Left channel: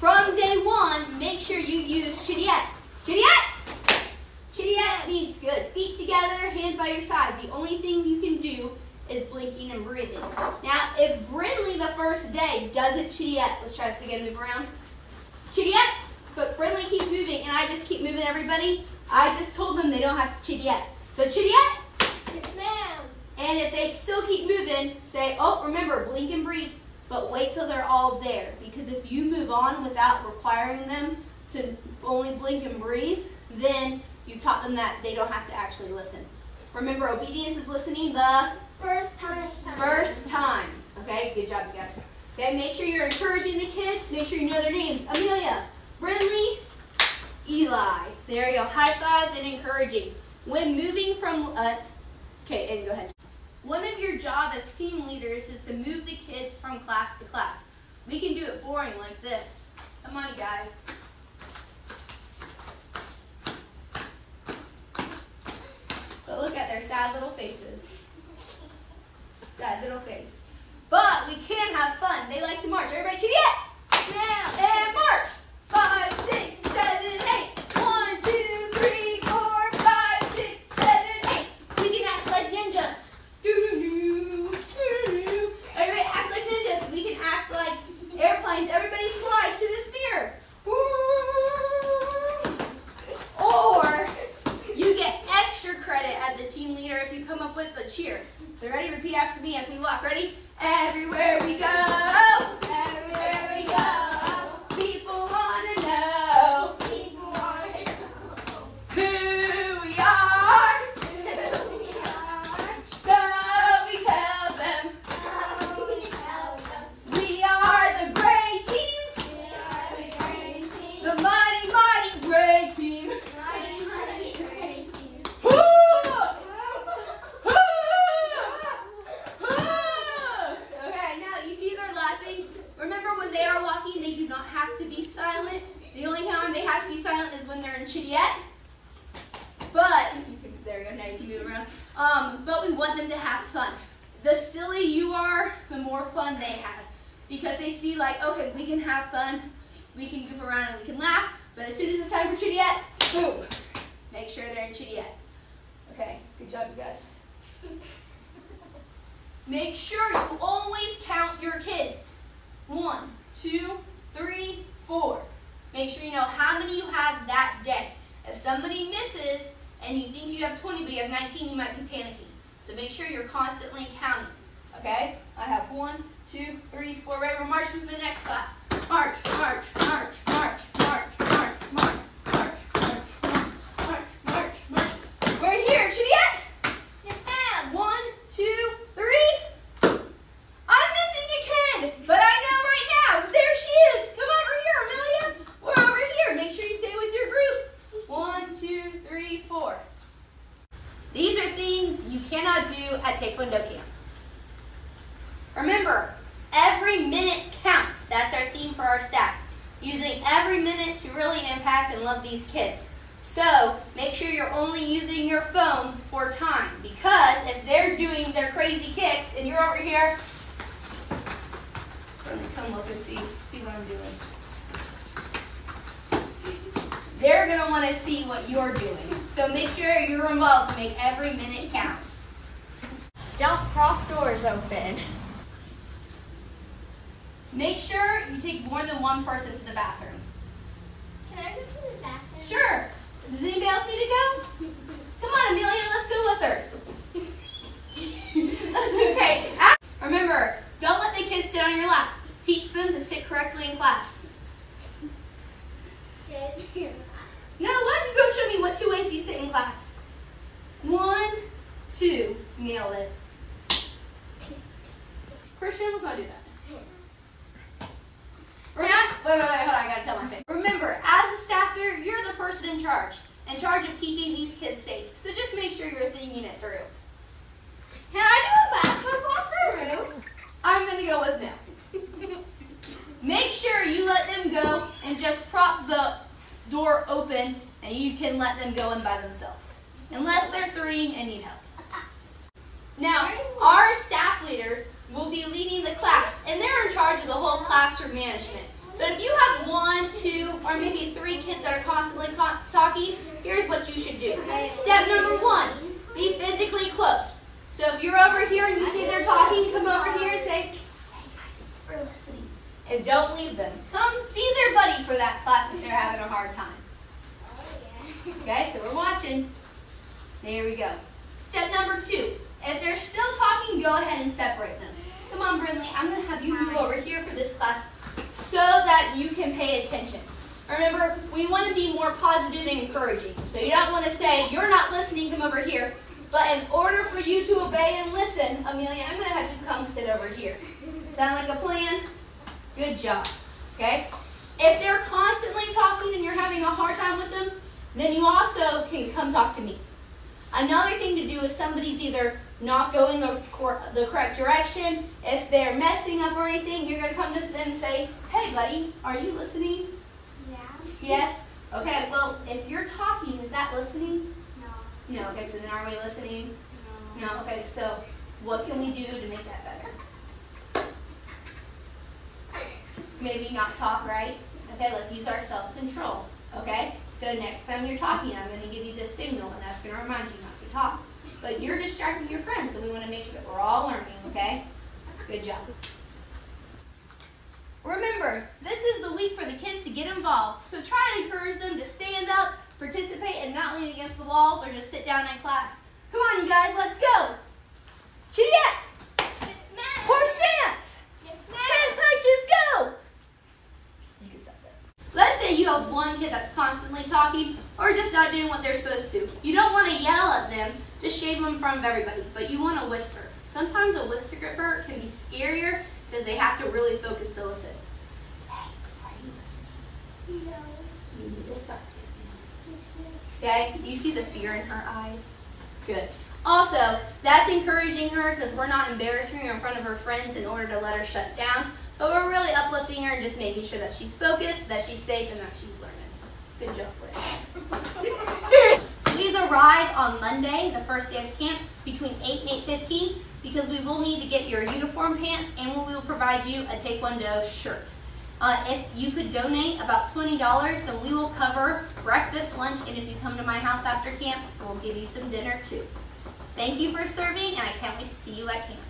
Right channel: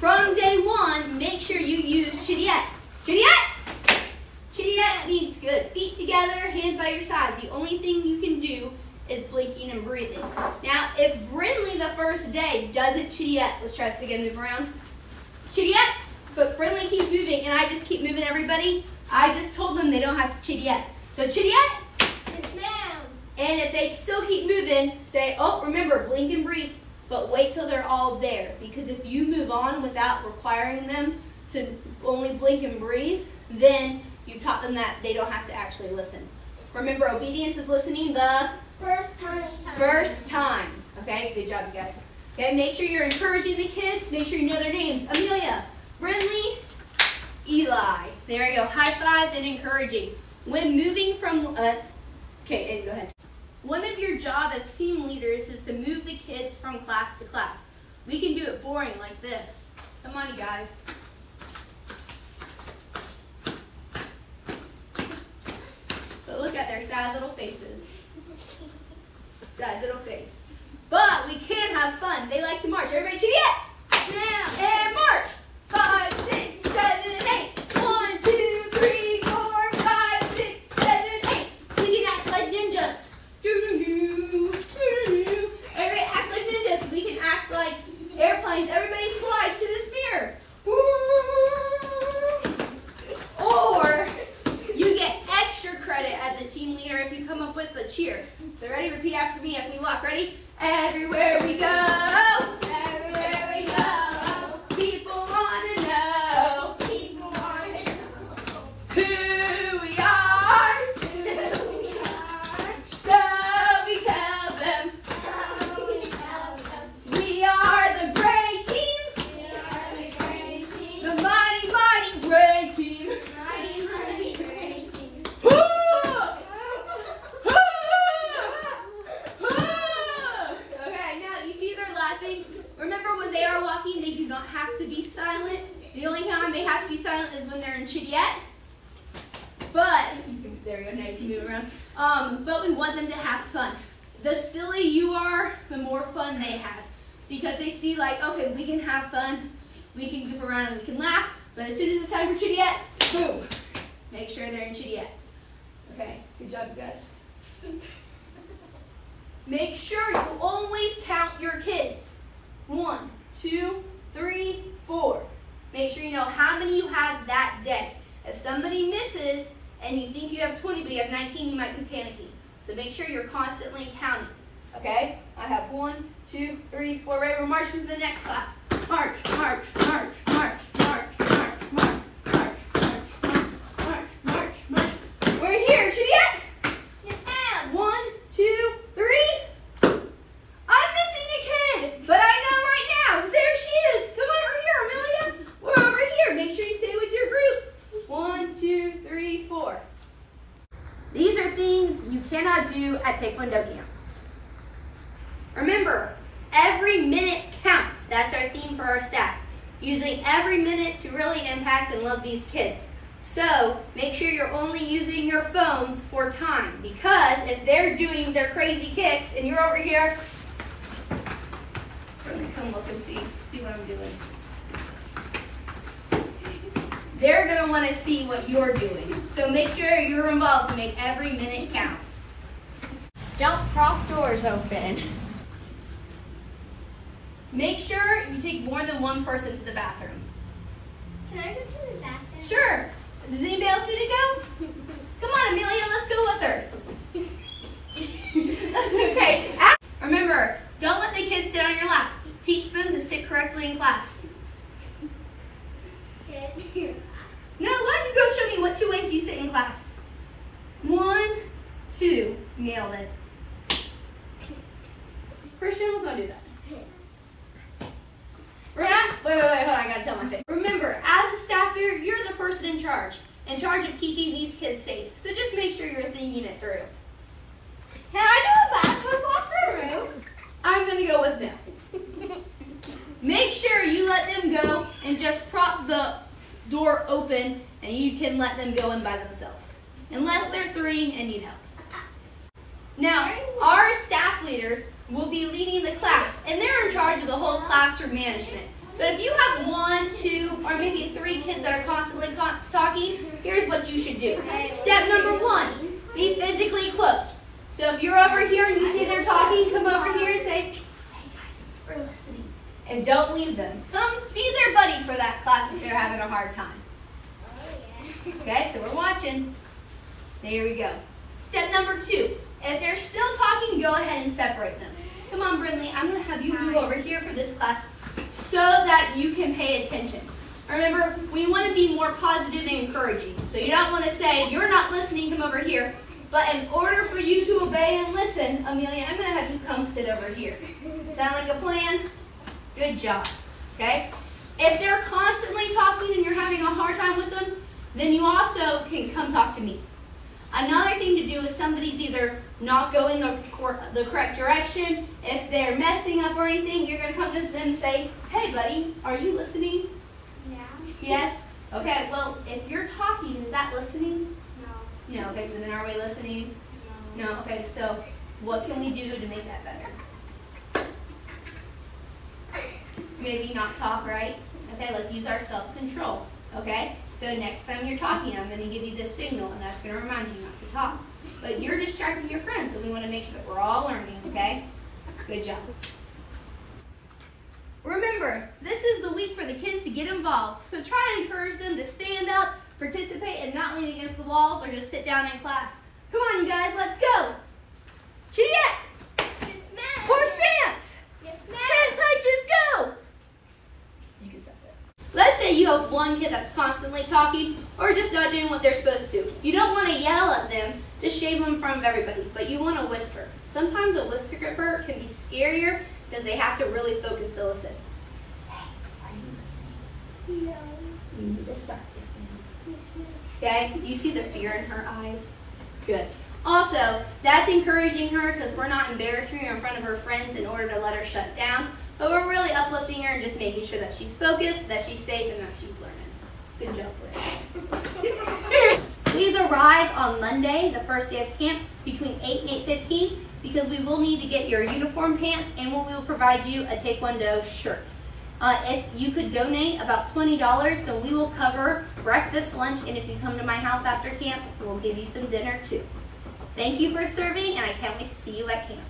from day one, make sure you use Chittiette. Chittiette! Chittiette needs good. Feet together, hands by your side. The only thing you can do is blinking and breathing. Now, if Brindley the first day doesn't Chittiette, let's try this again, move around. Chittiette, but Brindley keeps moving and I just keep moving everybody. I just told them they don't have to Chittiette. So Chittiette. Yes, ma'am. And if they still keep moving, say, oh, remember, blink and breathe, but wait till they're all there. Because if you move on without requiring them to only blink and breathe, then you've taught them that they don't have to actually listen. Remember, obedience is listening the First time. first time. Okay, good job, you guys. Okay, make sure you're encouraging the kids. Make sure you know their names. Amelia, Brindley, Eli. There you go. High fives and encouraging. When moving from, okay, Ed, go ahead. One of your job as team leaders is to move the kids from class to class. We can do it boring like this. Come on, you guys. But look at their sad little faces. Sad little face. But we can have fun. They like to march. Everybody, Chittiette! Yeah. And march! 5, 6, 7, 8. 1, 2, 3, 4, 5, 6, 7, 8. We can act like ninjas. Doo-doo-doo, doo-doo-doo. Everybody act like ninjas. We can act like airplanes. Everybody fly to the sphere. Or you get extra credit as a team leader if you come up with a cheer. So ready? Repeat after me as we walk. Ready? Everywhere we go. Everywhere we go. People want to know People want to know who we are. who we are. So we tell them So we tell them we are the gray team. we are the great team. The mighty, mighty gray team. Mighty, mighty great team. Woo! Okay, now you see they're laughing. Remember, when they are walking, they do not have to be silent. The only time they have to be silent is when they're in Chittiette. But, there we go, now you can move around. But we want them to have fun. The silly you are, the more fun they have. Because they see like, okay, we can have fun, we can goof around and we can laugh, but as soon as it's time for Chittiette, boom. Make sure they're in Chittiette. Okay, good job, you guys. Make sure you always count your kids. 1, 2, 3, 4. Make sure you know how many you have that day. If somebody misses and you think you have 20 but you have 19, you might be panicking. So make sure you're constantly counting. Okay? I have 1, 2, 3, 4. Right, we're marching to the next class. March, march, march, march, march, march, march, march, march, march, march, march. We're here, Chittiette. Yes, ma'am. 1, 2, 3. I'm missing a kid, but I know right now. There she is. Come over here, Amelia. We're over here. Make sure you stay with your group. 1, 2, 3, 4. These are things you cannot do at Taekwondo camp. Remember, every minute counts. That's our theme for our staff. Using every minute to really impact and love these kids. So make sure you're only using your phones for time, because if they're doing their crazy kicks and you're over here, come look and see what I'm doing. They're gonna want to see what you're doing. So make sure you're involved to make every minute count. Don't prop doors open. Make sure you take more than one person to the bathroom. Can I go to the bathroom? Sure. Does anybody else need to go? Come on, Amelia, let's go with her. Okay. Remember, don't let the kids sit on your lap. Teach them to sit correctly in class. Now, why don't you go show me what 2 ways you sit in class? 1, 2. Nailed it. Christian, let's not do that. Remember, wait, hold on, I gotta tell my thing. Remember, as a staff here, you're the person in charge of keeping these kids safe. So just make sure you're thinking it through. Can I do a backflip off the roof? I'm gonna go with no. Make sure you let them go and just prop the door open and you can let them go in by themselves. Unless they're 3 and need help. Now, our staff leaders will be leading the class and they're in charge of the whole classroom management. But if you have 1 maybe 3 kids that are constantly talking, here's what you should do. Step number 1, be physically close. So if you're over here and you see they're talking, come over here and say, hey guys, we're listening. And don't leave them. Come be their buddy for that class if they're having a hard time. Okay, so we're watching. There we go. Step number 2, if they're still talking, go ahead and separate them. Come on, Brinley, I'm going to have you move over here for this class so that you can pay attention. Remember, we want to be more positive and encouraging. So you don't want to say, you're not listening, come over here. But in order for you to obey and listen, Amelia, I'm going to have you come sit over here. Sound like a plan? Good job. Okay? If they're constantly talking and you're having a hard time with them, then you also can come talk to me. Another thing to do is somebody's either not going the correct direction. If they're messing up or anything, you're going to come to them and say, hey, buddy, are you listening? Yeah. Yes? Okay, well, if you're talking, is that listening? No. No. Okay, so then are we listening? No. No. Okay, so what can we do to make that better? Maybe not talk, right? Okay, let's use our self-control. Okay? So next time you're talking, I'm going to give you this signal, and that's going to remind you not to talk. But you're distracting your friends, so we want to make sure that we're all learning, okay? Good job. Remember, this is the week for the kids to get involved. So try to encourage them to stand up, participate, and not lean against the walls or just sit down in class. Come on, you guys, let's go. Janea! Yes, ma'am. Horse stance! Yes, ma'am. 10 punches, go! You can stop that. Let's say you have one kid that's constantly talking or just not doing what they're supposed to. You don't want to yell at them to shame them in front of everybody, but you want to whisper. Sometimes a whisper can be scarier because they have to really focus to listen. Hey, are you listening? No. You need to start listening. Yes, ma'am. Okay, do you see the fear in her eyes? Good. Also, that's encouraging her because we're not embarrassing her in front of her friends in order to let her shut down, but we're really uplifting her and just making sure that she's focused, that she's safe, and that she's learning. Good job, Britt. Please arrive on Monday, the first day of camp, between 8 and 8:15, because we will need to get your uniform pants and we will provide you a Taekwondo shirt. If you could donate about $20, then we will cover breakfast, lunch, and if you come to my house after camp, we'll give you some dinner too. Thank you for serving, and I can't wait to see you at camp.